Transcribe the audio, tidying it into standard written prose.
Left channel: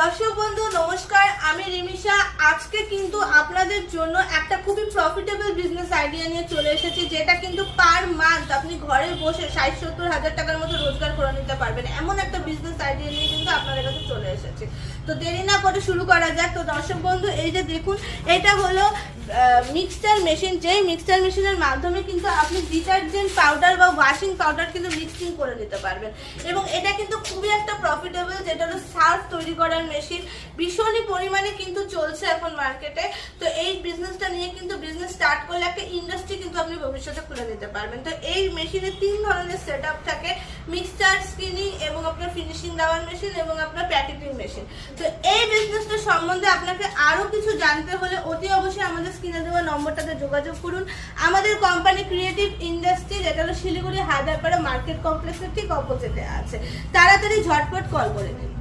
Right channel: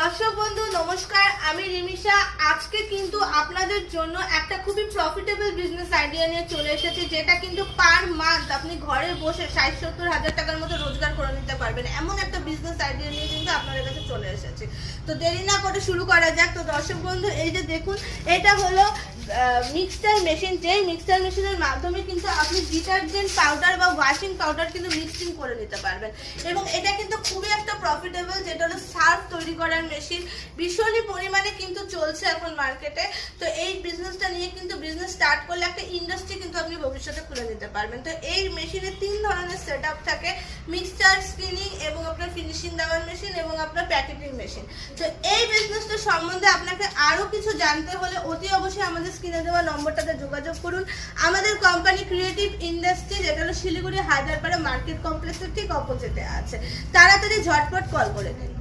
দর্শক বন্ধু নমস্কার, আমি রিমিশা। আজকে কিন্তু আপনাদের জন্য একটা খুবই প্রফিটেবল বিজনেস আইডিয়া নিয়ে চলে এসেছি, যেটা কিন্তু পার মান্থ আপনি ঘরে বসে 60-70 হাজার টাকার মতো রোজগার করে নিতে পারবেন। এমন একটা বিজনেস আইডিয়া নিয়ে কিন্তু আপনাদের কাছে চলে এসেছে। তো দেরি না করে শুরু করা যাক। তো দর্শক বন্ধু, এই যে দেখুন, এটা হলো মিক্সচার মেশিন। যেই মিক্সচার মেশিনের মাধ্যমে কিন্তু আপনি ডিটারজেন্ট পাউডার বা ওয়াশিং পাউডার কিন্তু মিক্সিং করে নিতে পারবেন। এবং এটা কিন্তু খুবই একটা প্রফিটেবল, যেটা হলো সার্ফ তৈরি করার মেশিন। ভীষণই পরিমাণে কিন্তু চলছে এখন মার্কেটে। তো এই বিজনেসটা নিয়ে কিন্তু বিজনেস স্টার্ট করলে একটা ইন্ডাস্ট্রি কিন্তু আপনি ভবিষ্যতে খুলে নিতে পারবেন। তো এই মেশিনে 3 ধরনের সেট আপ থাকে: মিক্সচার, স্কিনিং এবং আপনার ফিনিশিং দেওয়ার মেশিন এবং আপনার প্যাকেটিং মেশিন। তো এই বিজনেসটা সম্বন্ধে আপনাকে আরো কিছু জানতে হলে অতি অবশ্যই আমাদের স্ক্রিনে দেওয়া নম্বরটাতে যোগাযোগ করুন। আমাদের কোম্পানি ক্রিয়েটিভ ইন্ডাস্ট্রি, যেটা হলো শিলিগুড়ি হাজারপাড়া মার্কেট কমপ্লেক্সের ঠিক অপোজিটে আছে। তাড়াতাড়ি ঝটপট কল করে দিন।